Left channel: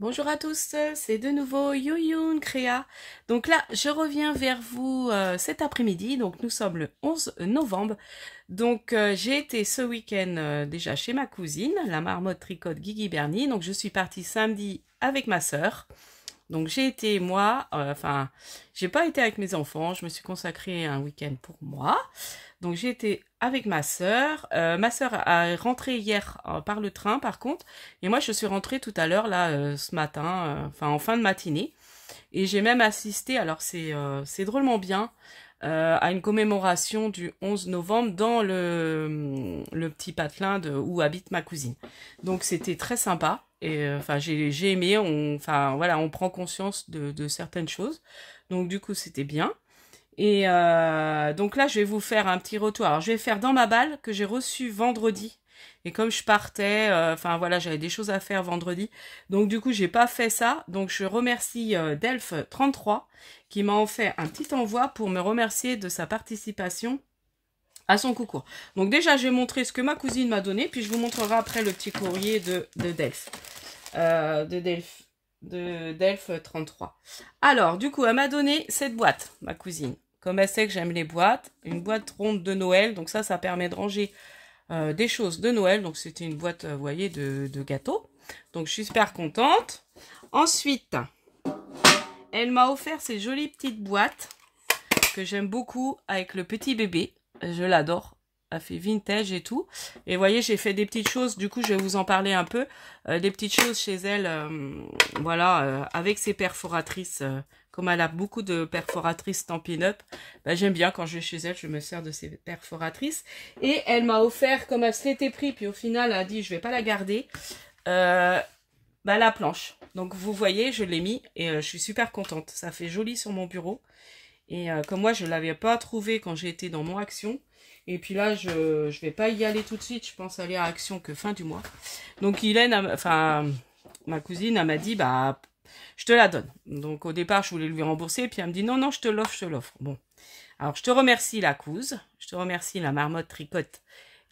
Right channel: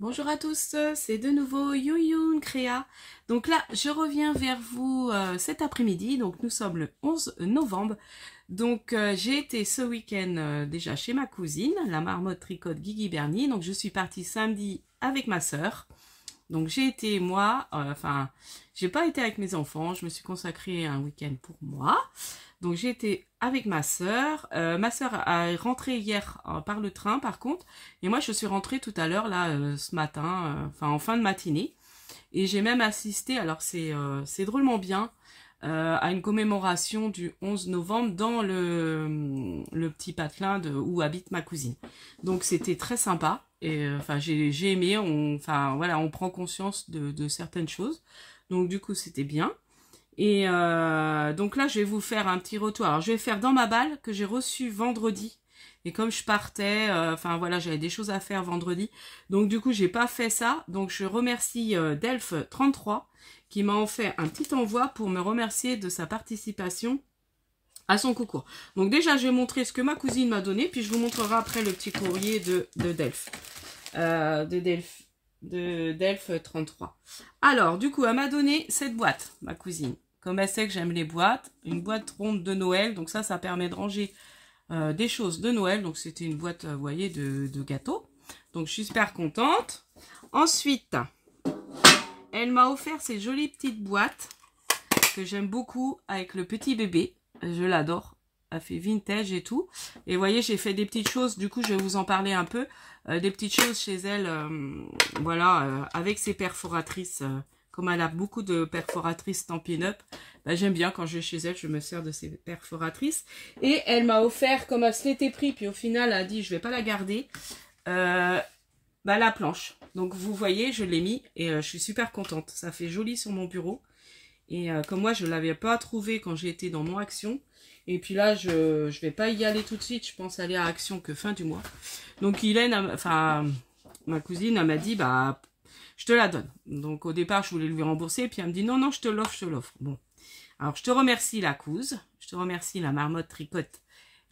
Bonjour à tous, c'est de nouveau Yoyoun Créa. Donc là, je reviens vers vous cet après-midi. Donc nous sommes le 11 novembre. Donc j'ai été ce week-end déjà chez ma cousine, la marmotte tricote Guigui Bernie. Donc je suis partie samedi avec ma sœur. Donc j'ai été moi, j'ai pas été avec mes enfants. Je me suis consacrée un week-end pour moi. Donc j'ai été avec ma sœur. Ma sœur a rentré hier par le train par contre. Et moi je suis rentrée tout à l'heure là ce matin, en fin de matinée. Et j'ai même assisté, alors c'est drôlement bien, à une commémoration du 11 novembre dans le petit patelin où habite ma cousine. Donc c'était très sympa. Et j'ai aimé, on prend conscience de certaines choses. Donc du coup c'était bien. Et donc là, je vais vous faire un petit retour. Alors, je vais faire dans ma balle que j'ai reçu vendredi. Et comme je partais, j'avais des choses à faire vendredi. Donc du coup, j'ai pas fait ça. Donc je remercie Delph33 qui m'a fait un petit envoi pour me remercier de sa participation à son concours. Donc déjà, je vais montrer ce que ma cousine m'a donné. Puis je vous montrerai après le petit courrier de Delph. De Delph33. Alors, du coup, elle m'a donné cette boîte, ma cousine. Comme elle sait que j'aime les boîtes, une boîte ronde de Noël. Donc ça permet de ranger des choses de Noël. Donc c'était une boîte, vous voyez, de gâteaux. Donc je suis super contente. Ensuite, elle m'a offert ces jolies petites boîtes que j'aime beaucoup avec le petit bébé. Je l'adore. Elle fait vintage et tout. Et vous voyez, j'ai fait des petites choses. Du coup, je vais vous en parler un peu. Des petites choses chez elle, avec ses perforatrices. Comme elle a beaucoup de perforatrices Stampin' Up, j'aime bien quand je vais chez elle, je me sers de ces perforatrices. Et elle m'a offert, comme elle se l'était pris, puis au final, elle a dit, je vais pas la garder, la planche. Donc, vous voyez, je l'ai mis et je suis super contente. Ça fait joli sur mon bureau. Et comme moi, je ne l'avais pas trouvé quand j'ai été dans mon Action. Et puis là, je vais pas y aller tout de suite. Je pense aller à Action que fin du mois. Donc, ma cousine, elle m'a dit, je te la donne. Donc, au départ, je voulais lui rembourser. Puis, elle me dit, non, non, je te l'offre. Bon. Alors, je te remercie la couse. Je te remercie la marmotte tricote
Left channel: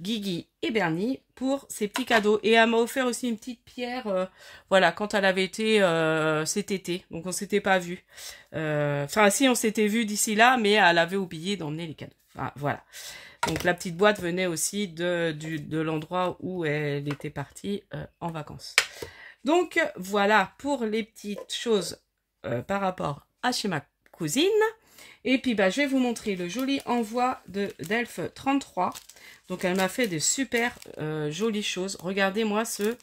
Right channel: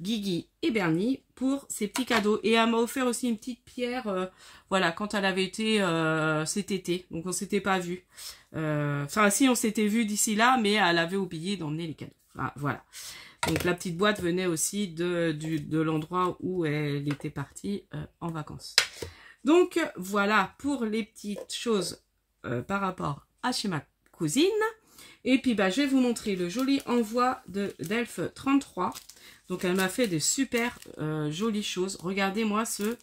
Guigui et Bernie pour ces petits cadeaux. Et elle m'a offert aussi une petite pierre, quand elle avait été cet été. Donc, on s'était pas vu. Si, on s'était vu d'ici là, mais elle avait oublié d'emmener les cadeaux. Voilà. Donc, la petite boîte venait aussi de l'endroit où elle était partie en vacances. Donc, voilà pour les petites choses par rapport à chez ma cousine. Et puis, je vais vous montrer le joli envoi de Delph33. Donc, elle m'a fait des super jolies choses. Regardez-moi ce...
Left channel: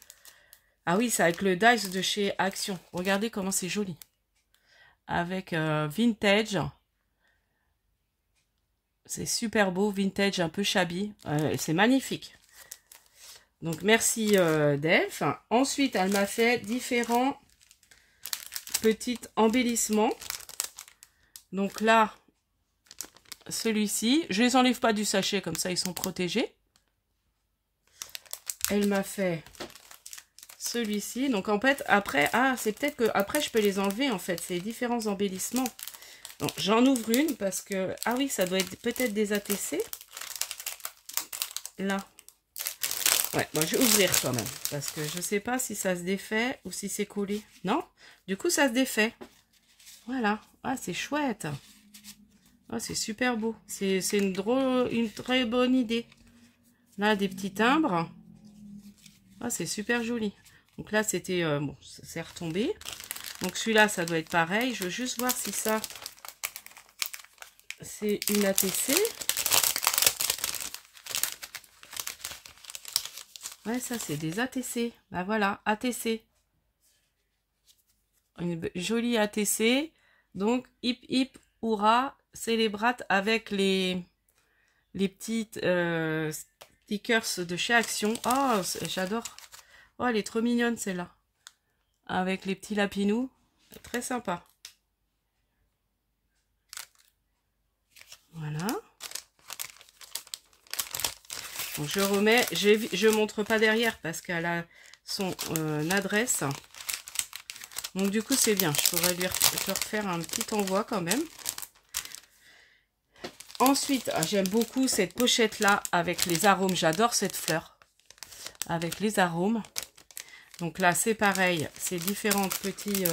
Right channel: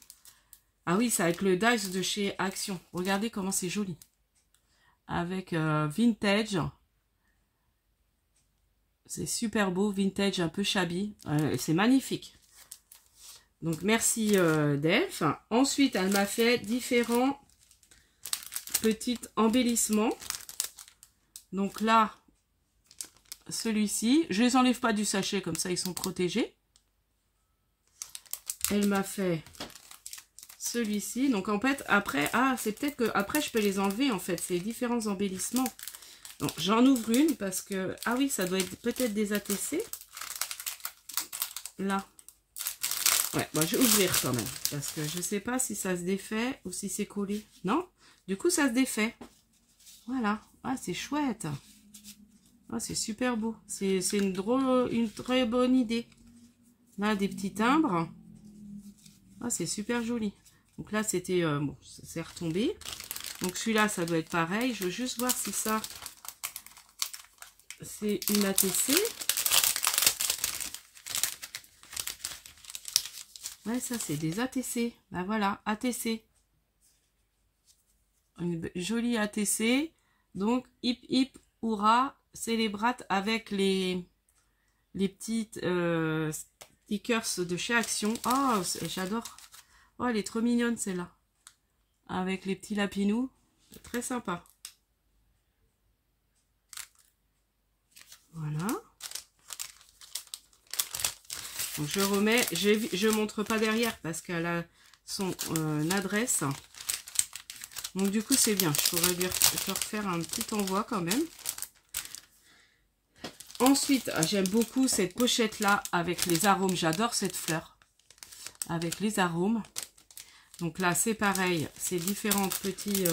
Ah oui, c'est avec le dice de chez Action. Regardez comment c'est joli. Avec vintage. C'est super beau, vintage, un peu shabby. C'est magnifique. Donc, merci Delph. Ensuite, elle m'a fait différents petits embellissements. Donc là, celui-ci, je ne les enlève pas du sachet, comme ça ils sont protégés. Elle m'a fait celui-ci. Donc en fait, après, c'est peut-être que après je peux les enlever en fait, ces différents embellissements. Donc j'en ouvre une parce que, ah oui, ça doit être peut-être des ATC. Là. Ouais, moi je vais ouvrir quand même, parce que je ne sais pas si ça se défait ou si c'est collé. Non, du coup ça se défait. Voilà, c'est chouette. C'est super beau. C'est une très bonne idée. Là, des petits timbres. C'est super joli. Donc là, c'était... bon, c'est retombé. Donc celui-là, ça doit être pareil. Je veux juste voir si ça... C'est une ATC. Ouais, ça, c'est des ATC. Voilà, ATC. Une jolie ATC. Donc, hip hip, hurrah, célébrate avec les petites stickers de chez Action. Oh, j'adore. Oh, elle est trop mignonne celle-là. Avec les petits lapinous. Très sympa. Voilà. Donc je remets, je montre pas derrière parce qu'elle a son adresse. Donc du coup c'est bien, je pourrais lui refaire un petit envoi quand même. Ensuite, j'aime beaucoup cette pochette là avec les arômes, j'adore cette fleur avec les arômes. Donc là, c'est pareil, c'est différents petits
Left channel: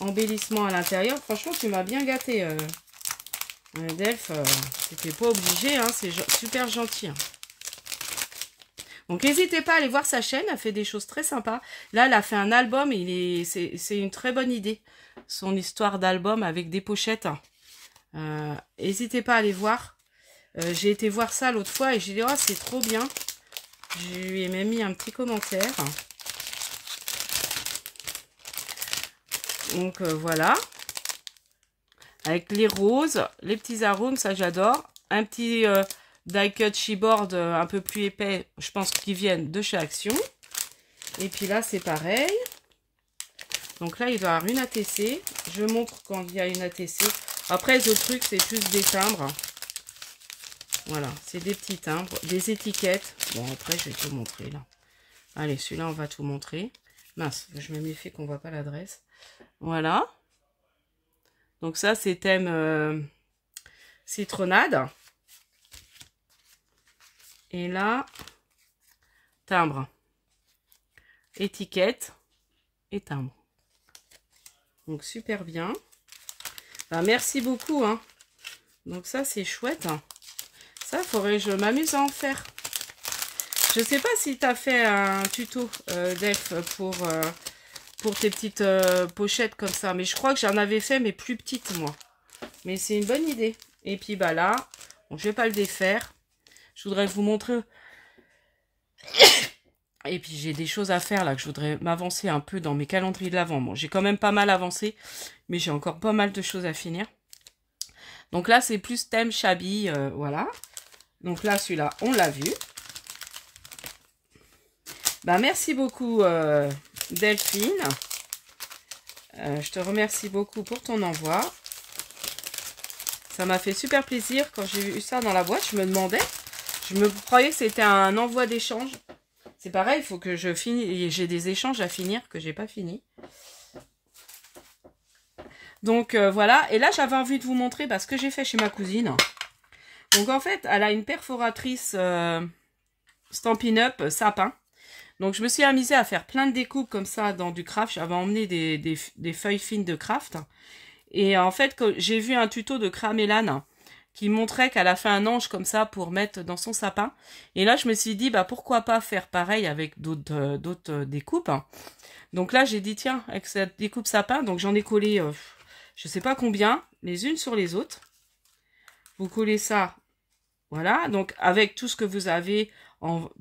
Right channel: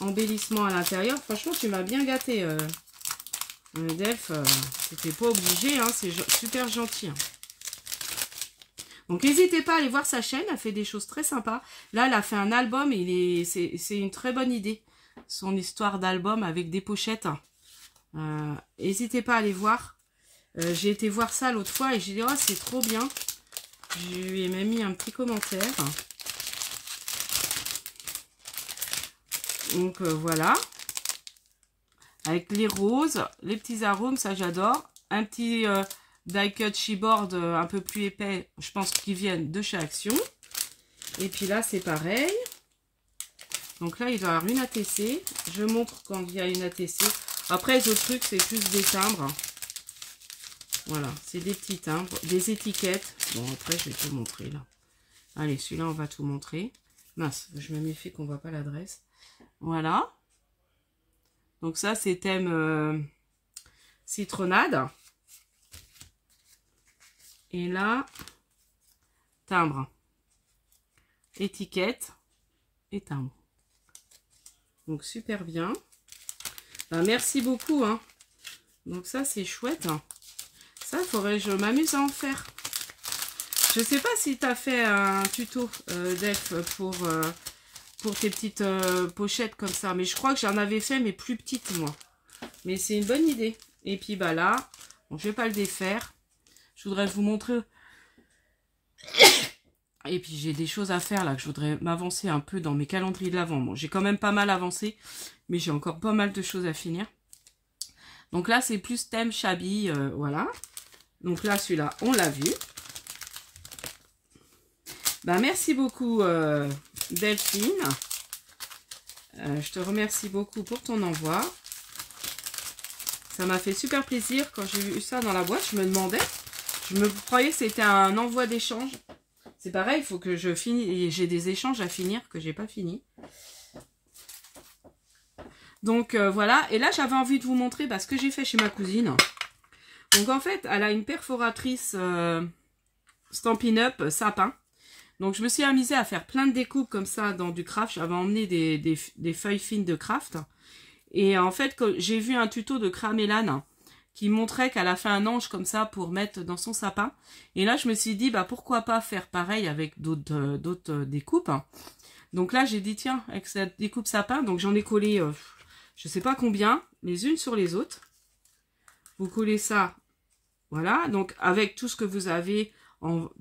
embellissements à l'intérieur. Franchement, tu m'as bien gâté, Delph. C'était pas obligé, hein, c'est super gentil. Hein. Donc, n'hésitez pas à aller voir sa chaîne, elle fait des choses très sympas. Là, elle a fait un album, c'est une très bonne idée, son histoire d'album avec des pochettes. N'hésitez pas à aller voir. J'ai été voir ça l'autre fois et j'ai dit, oh, c'est trop bien. Je lui ai même mis un petit commentaire. Donc, voilà. Avec les roses, les petits arômes, ça j'adore. Un petit die cut chipboard un peu plus épais, je pense qu'ils viennent de chez Action. Et puis là, c'est pareil. Donc là, il doit y avoir une ATC. Je montre quand il y a une ATC. Après, les autres trucs, c'est plus des timbres. Voilà, c'est des petits timbres, des étiquettes. Bon, après, je vais tout montrer là. Allez, celui-là, on va tout montrer. Mince, je me méfie qu'on ne voit pas l'adresse. Voilà. Donc ça, c'est thème citronnade. Et là, timbre. Étiquette et timbre. Donc, super bien. Ben, merci beaucoup. Hein. Donc ça, c'est chouette. Ça, je m'amuse à en faire. Je sais pas si tu as fait un tuto, Def, pour tes petites pochettes comme ça. Mais je crois que j'en avais fait, mais plus petites, moi. Mais c'est une bonne idée. Et puis, bah là, bon, je vais pas le défaire. Je voudrais vous montrer. Et puis, j'ai des choses à faire, là, que je voudrais m'avancer un peu dans mes calendriers de l'Avent. Bon, j'ai quand même pas mal avancé, mais j'ai encore pas mal de choses à finir. Donc là, c'est plus thème shabby, voilà. Donc là, celui-là, on l'a vu. Ben, merci beaucoup, Delphine. Je te remercie beaucoup pour ton envoi. Ça m'a fait super plaisir quand j'ai vu ça dans la boîte. Je me demandais, je me croyais que c'était un envoi d'échange. C'est pareil, il faut que je finisse. J'ai des échanges à finir que j'ai pas fini. Donc voilà. Et là, j'avais envie de vous montrer ce que j'ai fait chez ma cousine. Donc en fait, elle a une perforatrice Stampin' Up sapin. Donc je me suis amusée à faire plein de découpes comme ça dans du craft. J'avais emmené des feuilles fines de craft. Et en fait, j'ai vu un tuto de Cramélane qui montrait qu'elle a fait un ange comme ça pour mettre dans son sapin. Et là, je me suis dit, bah pourquoi pas faire pareil avec d'autres découpes. Donc là, j'ai dit, tiens, avec cette découpe sapin, donc j'en ai collé, je sais pas combien, les unes sur les autres. Vous collez ça, voilà. Donc avec tout ce que vous avez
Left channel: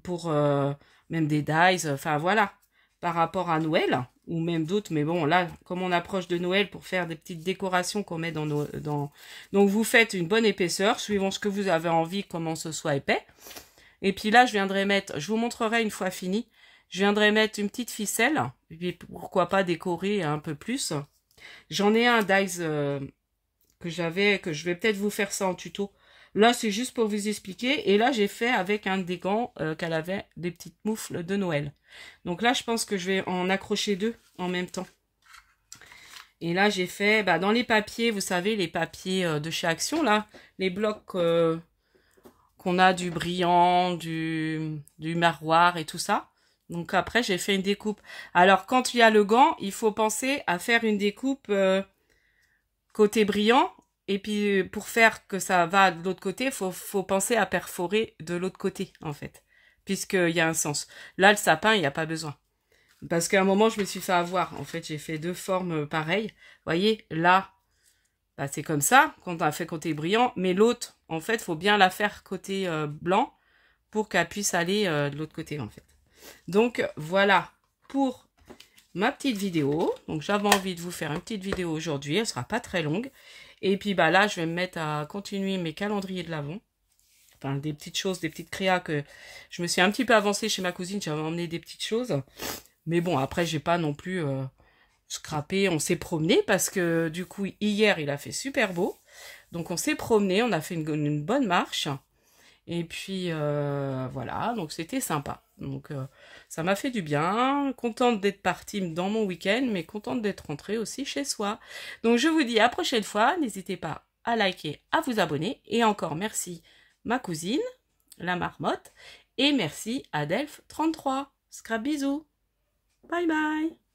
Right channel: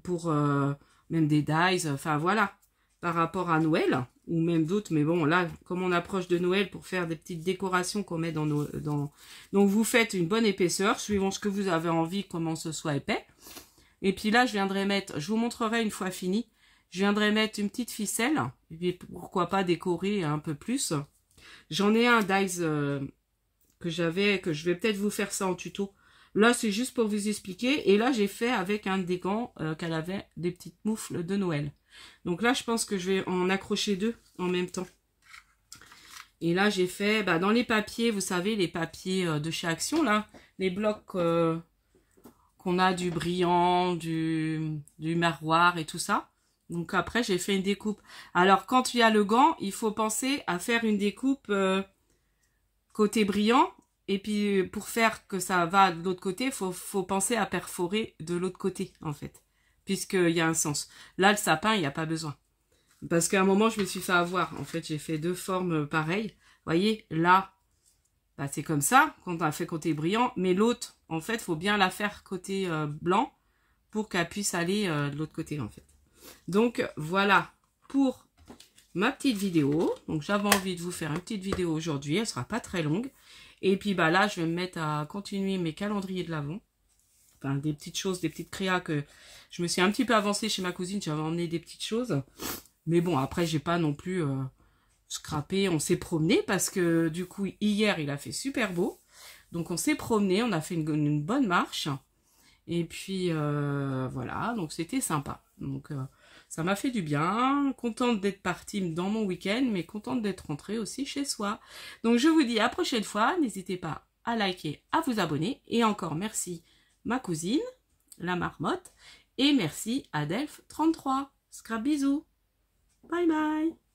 pour même des dies, enfin voilà, par rapport à Noël. Ou même d'autres, mais bon, là, comme on approche de Noël pour faire des petites décorations qu'on met Donc, vous faites une bonne épaisseur, suivant ce que vous avez envie, comment ce soit épais. Et puis là, je viendrai mettre, je vous montrerai une fois fini, je viendrai mettre une petite ficelle, et puis pourquoi pas décorer un peu plus. J'en ai un dies que je vais peut-être vous faire ça en tuto. Là, c'est juste pour vous expliquer. Et là, j'ai fait avec un des gants qu'elle avait, des petites moufles de Noël. Donc là, je pense que je vais en accrocher deux en même temps. Et là, j'ai fait, dans les papiers, vous savez, les papiers de chez Action, là, les blocs qu'on a du brillant, du miroir et tout ça. Donc après, j'ai fait une découpe. Alors, quand il y a le gant, il faut penser à faire une découpe côté brillant. Et puis, pour faire que ça va de l'autre côté, faut penser à perforer de l'autre côté, en fait. Puisqu'il y a un sens. Là, le sapin, il n'y a pas besoin. Parce qu'à un moment, je me suis fait avoir. En fait, j'ai fait deux formes pareilles. Vous voyez, là, c'est comme ça, qu'on a fait côté brillant. Mais l'autre, en fait, il faut bien la faire côté blanc pour qu'elle puisse aller de l'autre côté, en fait. Donc, voilà pour ma petite vidéo. Donc, j'avais envie de vous faire une petite vidéo aujourd'hui. Elle ne sera pas très longue. Et puis, là, je vais me mettre à continuer mes calendriers de l'Avent. Enfin, des petites choses, des petites créas que je me suis un petit peu avancée chez ma cousine. J'avais emmené des petites choses. Mais bon, après, j'ai pas non plus scrappé. On s'est promené parce que, du coup, hier, il a fait super beau. Donc, on s'est promené. On a fait une bonne marche. Et puis, voilà. Donc, c'était sympa. Donc, ça m'a fait du bien. Contente d'être partie dans mon week-end, mais contente d'être rentrée aussi chez soi. Donc, je vous dis à la prochaine fois. N'hésitez pas à liker, à vous abonner. Et encore merci, ma cousine, la marmotte. Et merci à Delph33. Scrap bisous. Bye bye.